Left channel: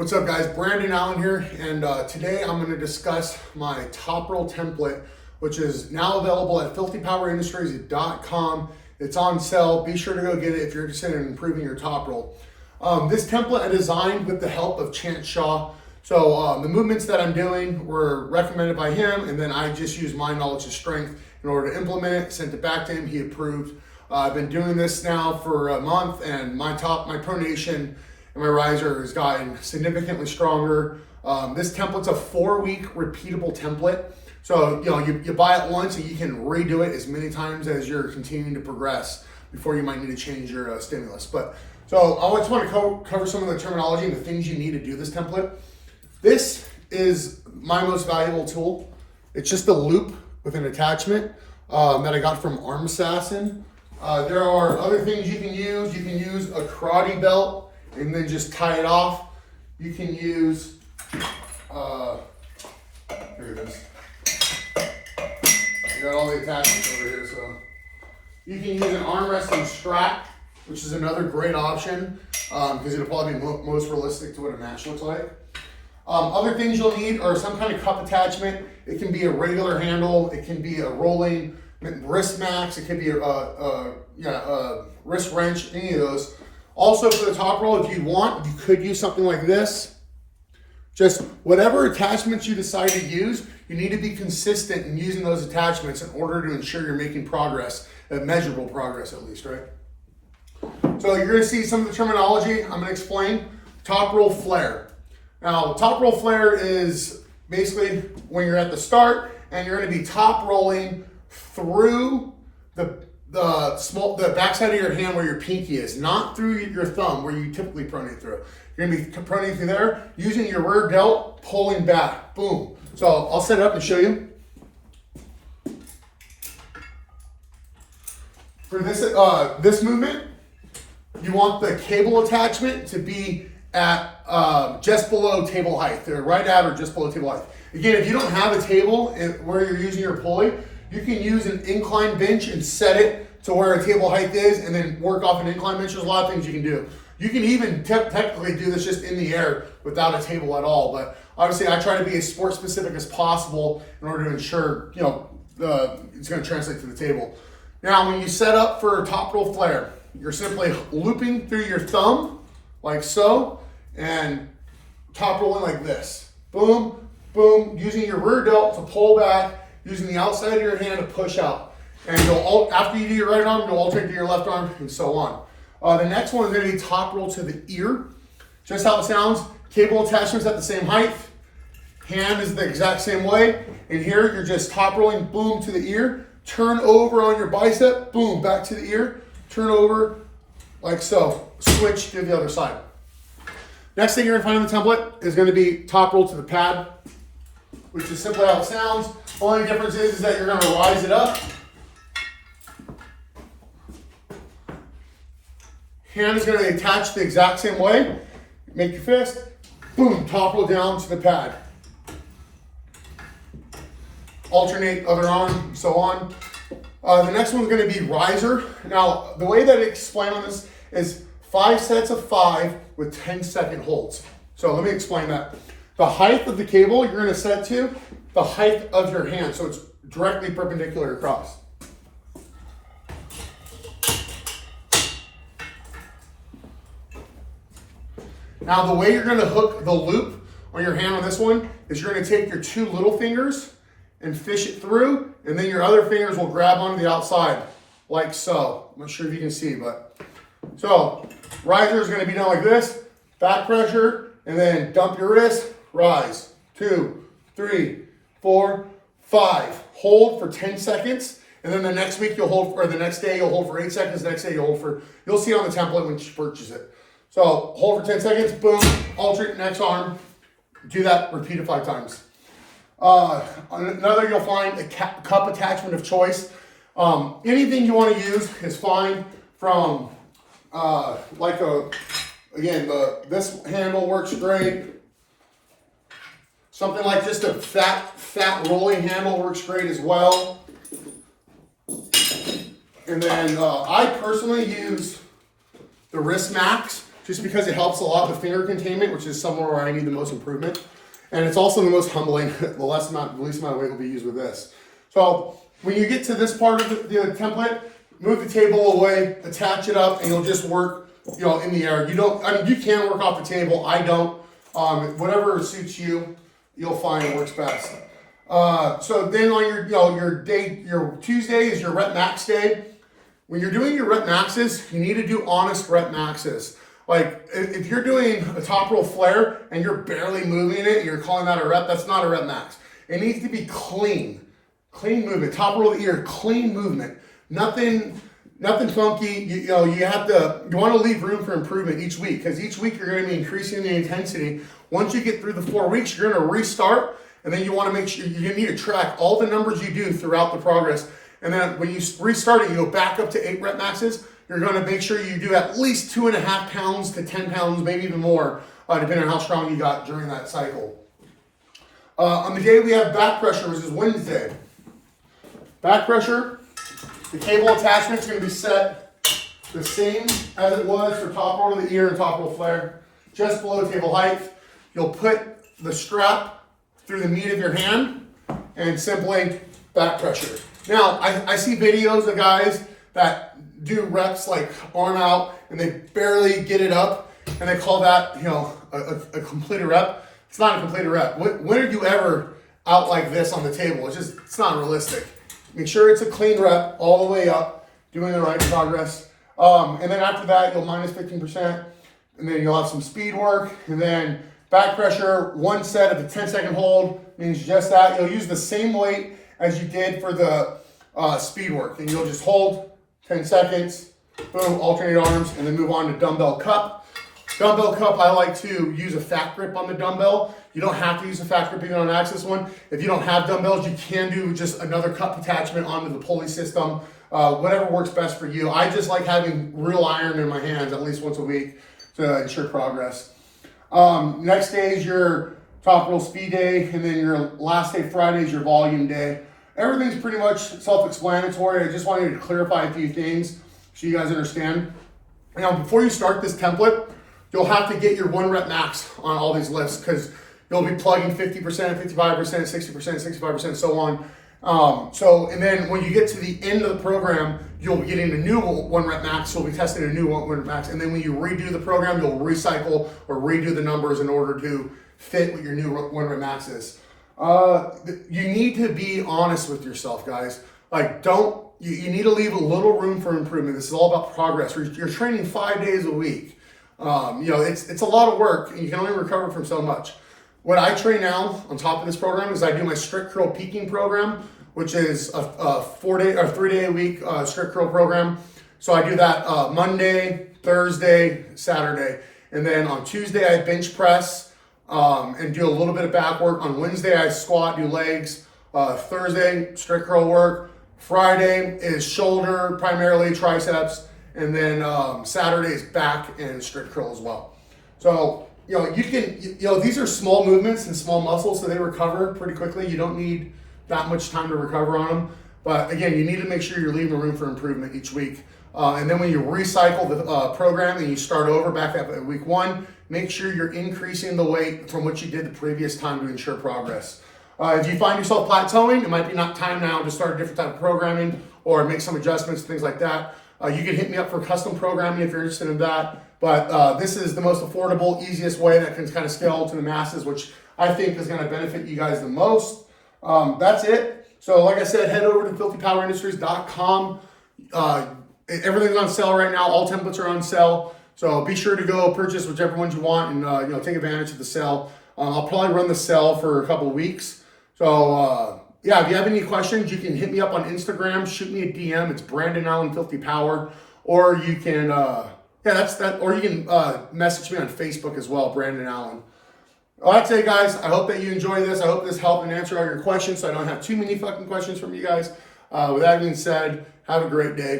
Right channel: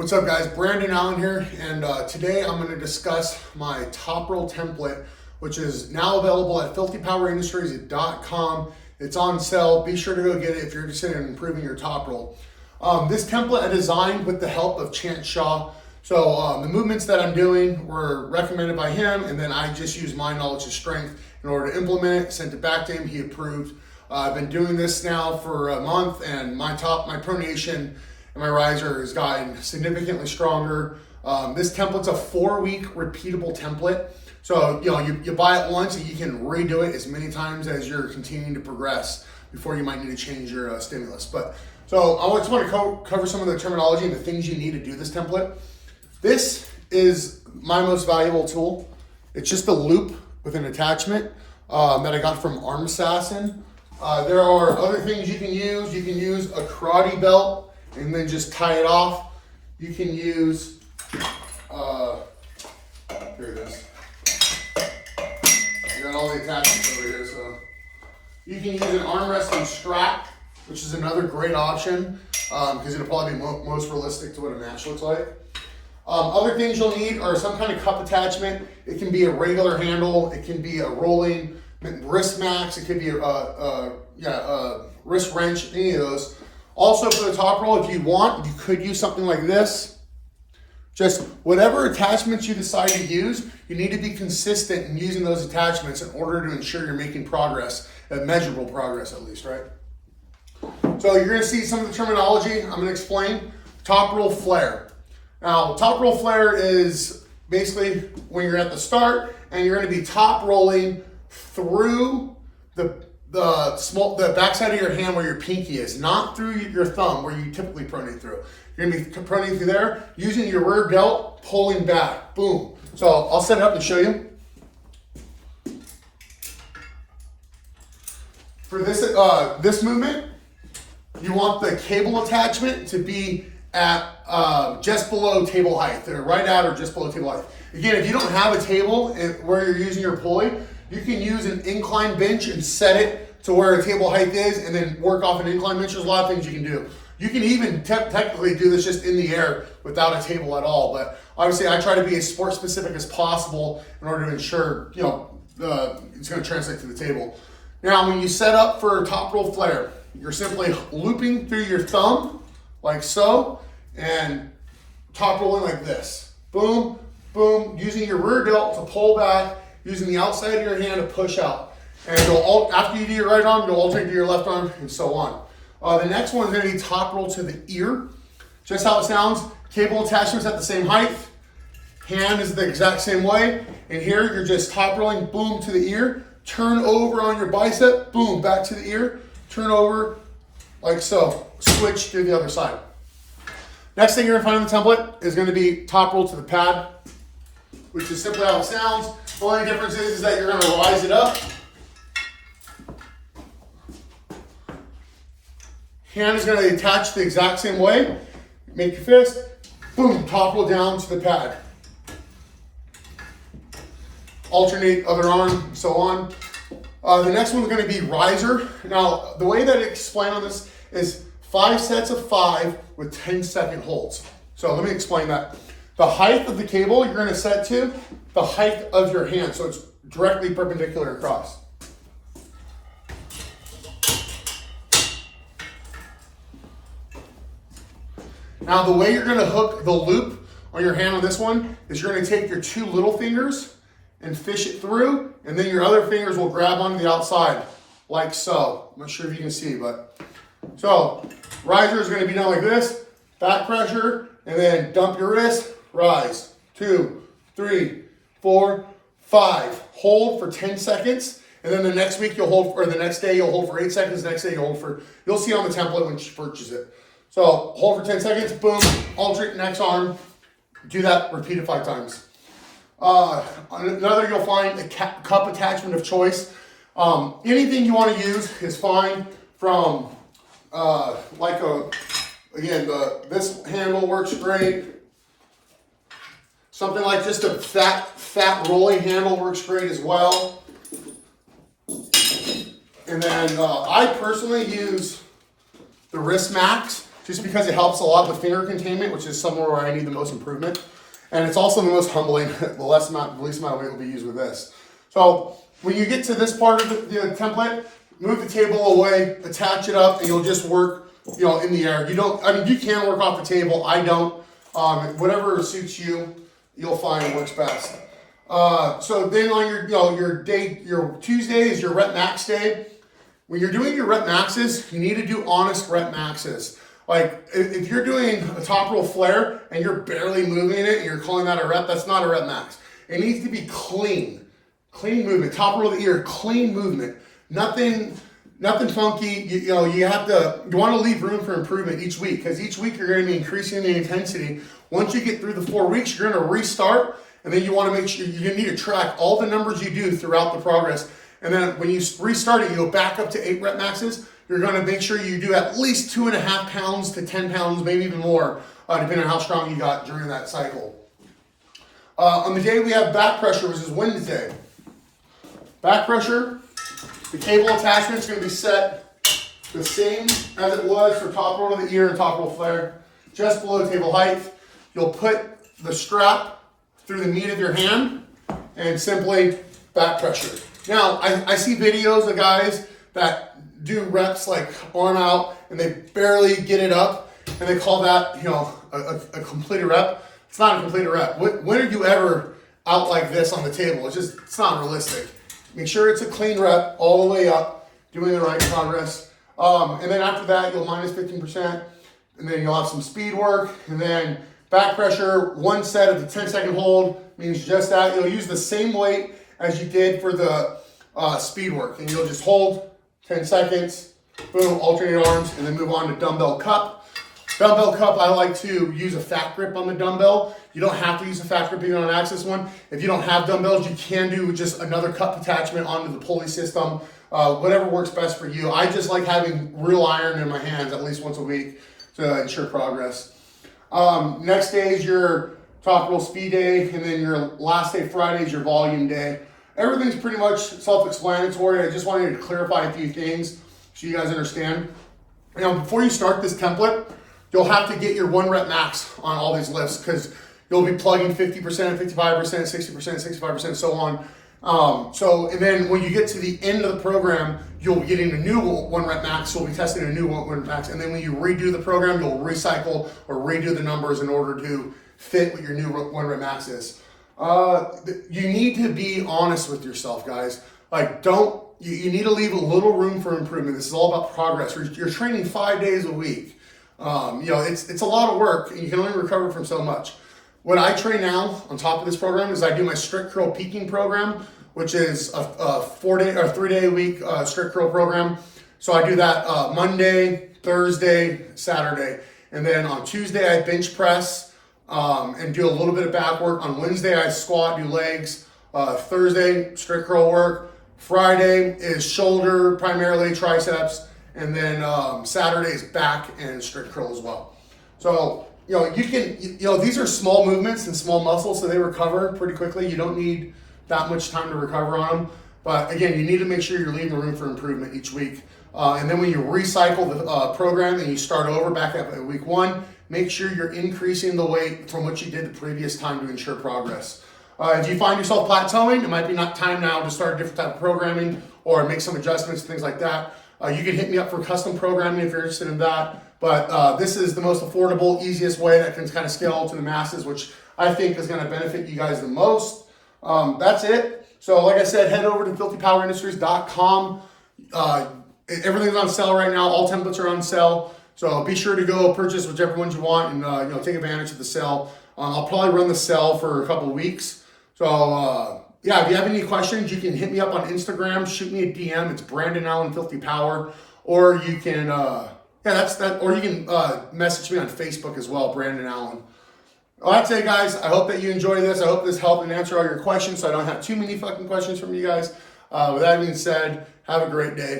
What's up guys, Brandon Allen here, and today I'm going to discuss my top roll template, which is now available at filthypowerindustries.com. It's on sale. Be sure to go get it if you're interested in improving your top roll. This template I designed with the help of Chance Shaw. So the movements that I'm doing were recommended by him, and then I just used my knowledge of strength in order to implement it, sent it back to him, he approved. I've been doing this now for a month, and my pronation and my riser has gotten significantly stronger. This template's a 4-week repeatable template. So you buy it once and you can redo it as many times as you're continuing to progress before you might need to change your stimulus. So I just want to cover some of the terminology and the things you need to do this template. This is my most valuable tool. It's just a loop with an attachment that I got from Arm Assassin. There are other things you can use. You can use a karate belt and then just tie it off. You can use, here it is. You got all the attachments over here, so. You can use an armrest and strap, which is another great option, because it'll probably be most realistic to what a match looks like. Other things you'll need are some kind of cup attachment. It can be a regular handle, it can be a rolling wrist max, it could be a wrist wrench, any of those. Also for the top roll, if you want, you could use something like this. Just whatever attachments you decide to use, you need to be consistent in using those attachments in order to ensure you're making progress, measurable progress at least, right? So you're gonna see some of the terminology I'm gonna explain. Top roll flare. Now, top roll flare is basically when you're at the start and you're gonna be top rolling through the backside of your hand where your pinky is, not through your thumb where you typically pronate through. You're gonna be pronating through there, using your rear delt, pulling back, boom. So I'll set it up and show you. For this movement, you want the cable attachment to be at just below table height. They're right at or just below table height. Again, if you don't have a table where you're using your pulley, you can use an incline bench and set it to where a table height is and then work off an incline bench. There's a lot of things you can do. You can even technically do this just in the air without a table at all, but obviously I try to be as sport specific as possible in order to ensure it's going to translate to the table. Now when you set up for top roll flare, you're simply looping through your thumb like so and top rolling like this. Boom, boom, using your rear delt to pull back, using the outside of your hand to push out. And after you do your right arm, you'll alternate to your left arm and so on. The next one is going to be top roll to the ear. Just how it sounds, cable attachments at the same height. Hand is the exact same way. And here you're just top rolling, boom, to the ear. Turn over on your bicep, boom, back to the ear. Turn over like so. Switch to the other side. Next thing you're going to find in the template is going to be top roll to the pad, which is simply how it sounds. Only difference is that you're going to rise it up. Hand is going to attach the exact same way. Make your fist, boom, top roll down to the pad. Alternate other arm, so on. The next one's going to be riser. Now, the way that I explain on this is 5 sets of 5 with 10-second holds. So let me explain that. The height of the cable you're going to set to the height of your hand, so it's directly perpendicular across. Now the way you're going to hook the loop on your hand on this one is you're going to take your 2 little fingers and fish it through, and then your other fingers will grab onto the outside like so. I'm not sure if you can see, but so riser is going to be done like this, back pressure, and then dump your wrist, rise, 2, 3, 4, 5. Hold for 10 seconds, and then the next week you'll hold, or the next day you'll hold for 8 seconds, the next day you'll see on the template when you purchase it. So hold for 10 seconds, boom, alternate next arm, do that, repeat it 5 times. Another, you'll find a cup attachment of choice. Anything you want to use is fine, from this handle works great. Something like just a fat rolling handle works great as well. And then I personally use the wrist max. just because it helps a lot with finger containment, which is somewhere where I need the most improvement. And it's also the most humbling. The least amount of weight will be used with this. So when you get to this part of the template, move the table away, attach it up, and you'll just work, in the air. You can work off the table. I don't. Whatever suits you, you'll find works best. So then on your Tuesday is your rep max day. When you're doing your rep maxes, you need to do honest rep maxes. Like if you're doing a top roll flare and you're barely moving it, and you're calling that a rep, that's not a rep max. It needs to be clean movement. Top roll of the ear, clean movement. Nothing funky. You want to leave room for improvement each week, because each week you're going to be increasing the intensity. Once you get through the 4 weeks, you're going to restart, and then you want to make sure you need to track all the numbers you do throughout the progress. And then when you restart it, you go back up to 8 rep maxes. You're going to make sure you do at least 2.5 pounds to 10 pounds, maybe even more, depending on how strong you got during that cycle. On the day we have back pressure, which is Wednesday. Back pressure, the cable attachment is going to be set the same as it was for top roll of the ear and top roll flare, just below table height. You'll put the strap through the meat of your hand and simply back pressure. Now, I see videos of guys that do reps like arm out and they barely get it up, and they call that, a completed rep. It's not a completed rep. When are you ever out like this on the table? It's not realistic. Make sure it's a clean rep all the way up, doing the right progress. And then after that, you'll minus 15%, and then you'll have some speed work, and then back pressure, 1 set of the 10-second hold means just that. You'll use the same weight as you did for the speed work, and you'll just hold 10 seconds, boom, alternate arms, and then move on to dumbbell cup. Dumbbell cup, I like to use a fat grip on the dumbbell. You don't have to use a fat grip even on an axis one. If you don't have dumbbells, you can do just another cup attachment onto the pulley system. Whatever works best for you. I just like having real iron in my hands at least once a week to ensure progress. Next day is your top roll speed day, and then your last day, Friday, is your volume day. Everything's pretty much self-explanatory. I just wanted to clarify a few things so you guys understand. Now, before you start this template, you'll have to get your 1 rep max on all these lifts, because you'll be plugging 50%, 55%, 60%, 65%, so on. And then when you get to the end of the program, you'll be getting a new 1 rep max. So we'll be testing a new 1 rep max. And then when you redo the program, you'll recycle or redo the numbers in order to fit what your new 1 rep max is. You need to be honest with yourself, guys. Like, you need to leave a little room for improvement. This is all about progress. You're training 5 days a week. It's a lot of work, and you can only recover from so much. What I train now on top of this program is I do my strict curl peaking program, which is a 4-day or 3-day a week strict curl program. So I do that Monday, Thursday, Saturday, and then on Tuesday I bench press and do a little bit of back work. On Wednesday I squat, do legs. Thursday strict curl work. Friday is shoulder, primarily triceps, and then Saturday is back and strict curl as well. So these are small movements and small muscles, so they recover pretty quickly. You don't need that much time to recover on them. But again, you need to make sure you're leaving the room for improvement each week. And then when you recycle the program and you start over back up at week 1, make sure you're increasing the weight from what you did the previous time to ensure progress. If you find yourself plateauing, it might be not time now to start a different type of programming or make some adjustments, things like that. You can hit me up for custom programming if you're interested in that. But this is the most affordable, easiest way that can kind of scale to the masses, which I think is going to benefit you guys the most. That's it. So like I said, head over to filthypowerindustries.com. Everything's on sale right now. All templates are on sale. So be sure to go purchase whichever ones you want and take advantage of the sale. I'll probably run the sale for a couple of weeks. So if you have any questions, you can hit me up on Instagram, shoot me a DM. It's brandonallenfilthypower, or you can or you can message me on Facebook as well, Brandon Allen. Well, that's it, guys. I hope that you enjoy this. I hope this helped and answer all your questions, so I don't have too many fucking questions from you guys. With that being said, have a great day.